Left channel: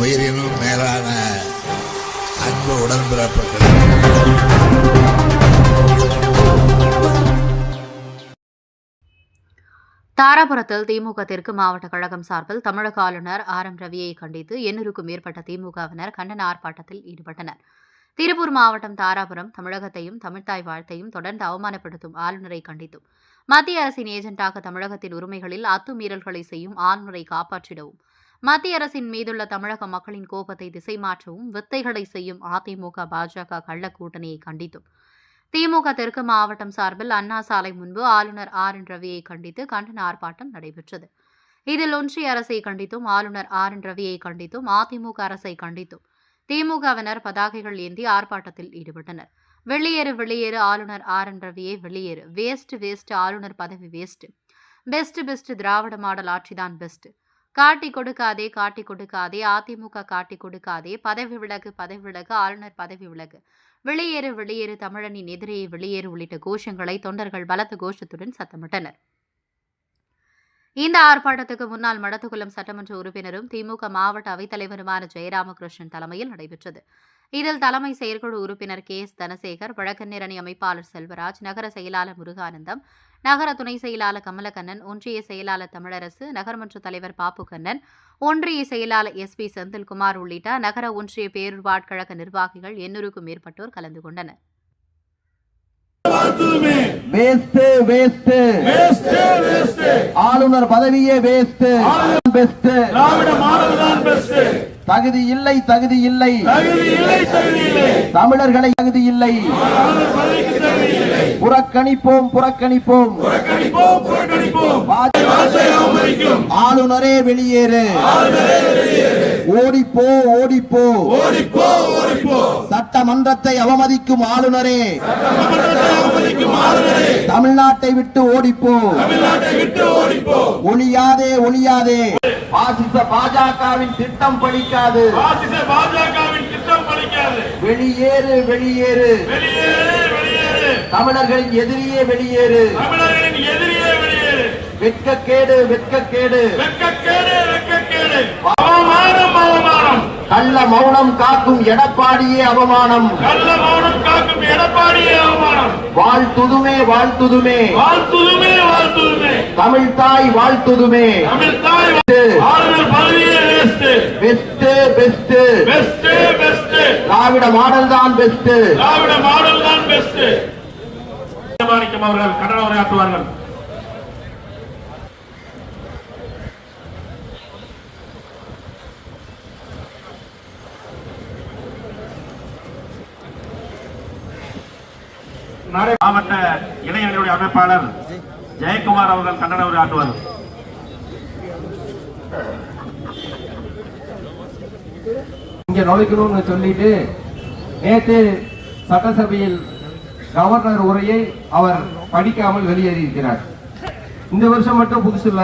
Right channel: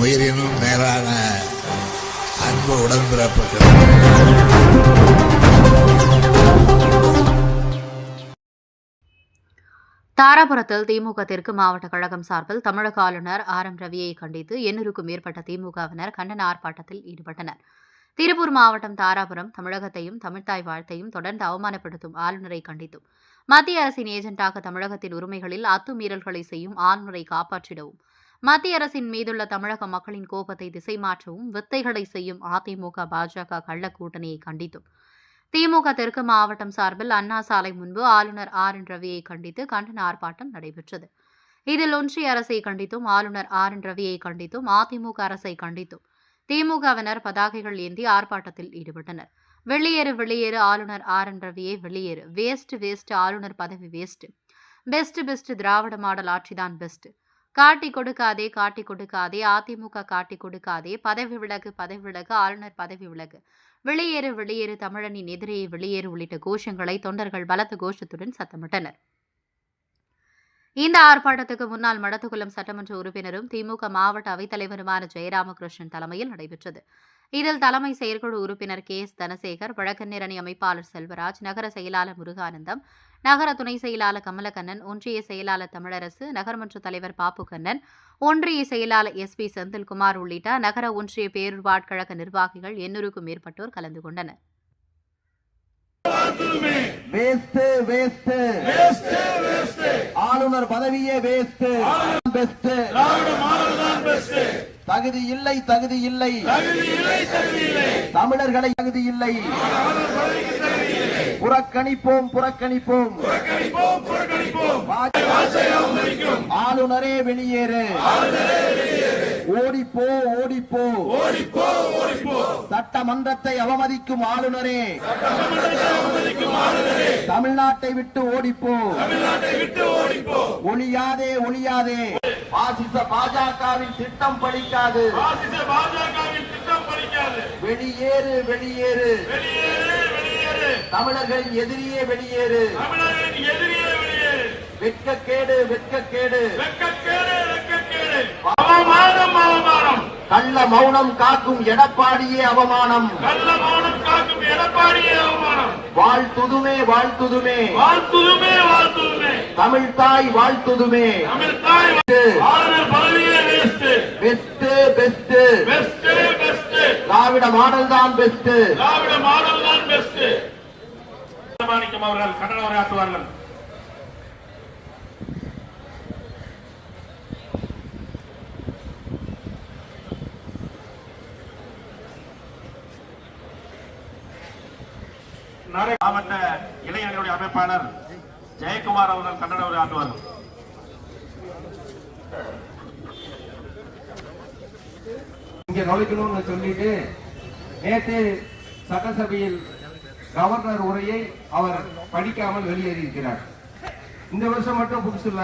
உயிரினும் மேலான அன்பு உடன்பிறப்புகள். தாராபுரத்தில் திமுக தெற்கு மாவட்ட கழகம் சார்பில் தமிழக ஆளுநர் ஆர் எம் ரவியை கண்டித்து எண்ணூறுக்கும் மேற்பட்ட திமுகவினர் கண்டன ஆர்ப்பாட்டத்தில் ஈடுபட்டனர். திருப்பூர் மாவட்டம் தாராபுரம் தமிழகத்தையும் தமிழ்த்தாய் வாழ்த்தையும் தொடர்ந்து அவமானப்படுத்தும் ஆளுநரை கண்டித்தும். மத்திய அரசின் ஏஜென்ட்டாக தமிழகத்தின் உரிமைகளில் அத்துமீறல்களை செய்யும் ஆளுநரை காப்பாற்றிடவும் மத்திய அரசின் மீதுள்ள தமிழக மக்களின் கோபத்தை திசை மாற்றவும் வித்தைகளை செய்யும் அதிமுக பாஜக கள்ள கூட்டணியை கண்டித்தும். திமுக தெற்கு மாவட்டம் சார்பில் அண்ணா சாலை முன்பு ஆளுநர் ஆர் என் ரவியை கண்டித்து கண்டன ஆர்ப்பாட்டம் நடைபெற்றது. இதில் ஒன்றிய அரசை கண்டித்தும் ஆளுநர் ஆர் என் ரவியை கண்டித்தும் அதிமுக அரசை கண்டித்தும் திமுகவினர் பதாகைகள் ஏந்தி ஆர்ப்பாட்டத்தில் ஈடுபட்டனர். வெளியேறு வெளியேறு ஆளுநர் ஆர் என் ரவியே வெளியேறு. வேஸ்ட் வேஸ்ட் ஆளுநர் பதவி waste best best Dravida model ஆட்சிதான் best காட்டி கொடுக்காதே காட்டி கொடுக்காதே அதிமுக காட்டி கொடுக்காதே பதவி விலகு பதவி விலகு ஆளுநர் பதவி விலகு. வெளியேறு வெளியேறு தமிழனின் எதிரே வெளியேறு உள்ளிட்ட கோஷங்களை தொண்டர்கள் பலத்த கோஷத்துடன் சத்தமிட்டனர். இந்த ஆர்ப்பாட்டத்துக்கு முன்னாள் மடத்துக்குளம் சட்டமன்ற உறுப்பினரும் திமுக மாவட்ட அவைத்தலைவருமான ஜெயராமகிருஷ்ணன் தலைமையில் நடைபெற்றது. இதில் தலைமை செயற்குழு உறுப்பினர் கே. எஸ். தனசேகர் வழக்கறிஞர் அணி அமைப்பாளர் செல்வராஜ் நகர செயலாளர் முருகானந்தம் நகர துணை செயலாளர் கமலக்கண்ணன் ஒன்றிய செயலாளர் தமிழரசு நகர்மன்ற தலைவர் பாப்பு கண்ணன் ஒன்றிய செயலாளர் எஸ். பி. செந்தில்குமார் உள்ளிட்ட நகர ஒன்றிய பேரூர்வாட் கழக நிர்வாகிகள் எண்ணூறுக்கும் மேற்பட்டோர் கலந்து கொண்டனர். ஆளுநர் பதவியே வேஸ்ட் பெஸ்ட் தகுதி இல்லை தகுதி இல்லை. தமிழர்களை தகுதி இல்லை. புறக்கணிப்போம் புறக்கணிப்போம். ஆளுநரே வெளியேறு. ஓடிப்போ ஓடிப்போ. சட்டமன்றத்தை அவமதிக்கும் ஆளுநரே. தமிழ்நாட்டை விட்டு ஓடிப்போ. ஒளியாதே ஒளியாதே பாசிச பாஜகவின் திட்டம் பலிக்காது பாசிச பாஜகவின் திட்டம் பலிக்காது வெளியேறு வெளியேறு. வெளியேறு வெளியேறு. தமிழர்களின் எதிரியே வெளியேறு. தமிழர்களின் எதிரியே வெளியேறு. வெட்கக்கேடு வெட்கக்கேடு. வெட்கக்கேடு வெட்கக்கேடு. அவமானம் அவமானம். கள்ள மௌனம் காக்கும் எடப்பாடியே அவமானம். கள்ள மௌனம் காக்கும் எடப்பாடியே அவமானம். வாழ்த்துதுமே வாழ்த்துதுமே. வாழ்த்துதுமே வாழ்த்துதுமே. தமிழ் தாய் வாழ்த்துதுமே. தமிழ் தாய் ஆளுநர் பதவியே best best best best Dravida model தான் பெஸ்ட் திராவிட மாடல் தான் பெஸ்ட் மாணிக்கம் அவர்கள் கண்டன உரையாற்றுவார்கள். நாளை மாவட்ட இளைஞர்களுடைய அமைப்பாளர் ஜெயக்குமார் அவர்கள் கண்டன உரையாற்றுவார்கள் இங்க நுழைக்கணும்னு சொல்லிட்டு நேற்று சட்டசபையில் கவர்னர் உரையை அவர் படிக்காமல் வெளியேறியிருக்கிறார். இந்த வருஷம் மட்டும் புதுசு இல்ல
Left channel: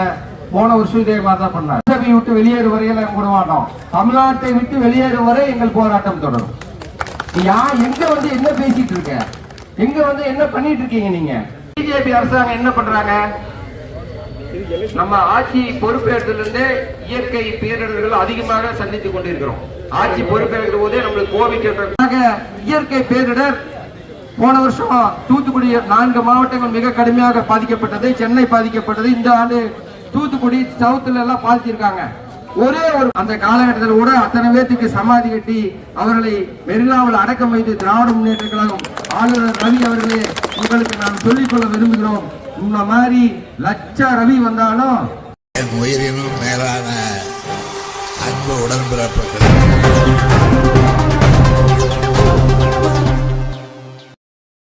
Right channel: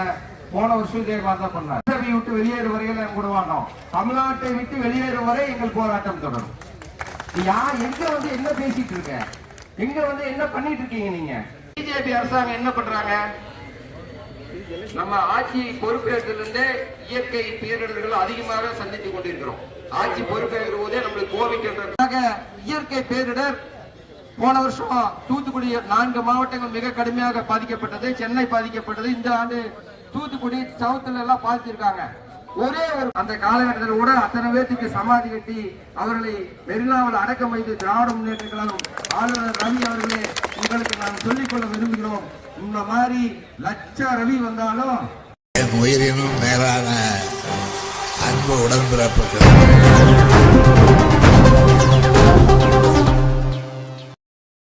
போன வருஷம் இதே மாதிரி தான் பண்ணார். சபையை விட்டு வெளியேறும் வரையில் நாங்கள் விட மாட்டோம். தமிழ்நாட்டை விட்டு வெளியேறும் வரை எங்கள் போராட்டம் தொடரும். யார் யா எங்க வந்து என்ன பேசிட்டு இருக்க? எங்க வந்து என்ன பண்ணிட்டு இருக்கீங்க நீங்க? பிஜேபி அரசாங்கம் என்ன பண்றாங்க? நம்ம ஆட்சி பொறுப்பேற்றதிலிருந்தே இயற்கை பேரிடர்கள் அதிகமாக சந்தித்துக் கொண்டிருக்கிறோம். ஆட்சி பொறுப்பேற்கிற போதே நம்மளுக்கு கோவிட் இயற்கை பேரிடர் போன வருஷம் தூத்துக்குடி நான்கு மாவட்டங்கள் மிக கடுமையாக பாதிக்கப்பட்டது சென்னை பாதிக்கப்பட்டது இந்த ஆண்டு தூத்துக்குடி சவுத்துல எல்லாம் பாதிச்சிருக்காங்க. ஒரே ஒரு அந்த காலகட்டத்தில் கூட அத்தனை பேர்த்துக்கு சமாதி கட்டி அவர்களை மெரினாவில் அடக்கம் வைத்து திராவிட முன்னேற்ற கழகம் ஆளுநர் ரவி அவர்களே உங்களுக்கு நான் சொல்லிக்கொள்ள விரும்புகிறோம். இந்த மாதிரி லட்ச ரவி வந்தாலும் என் உயிரினும் மேலான அன்பு உடன்பிறப்புகள்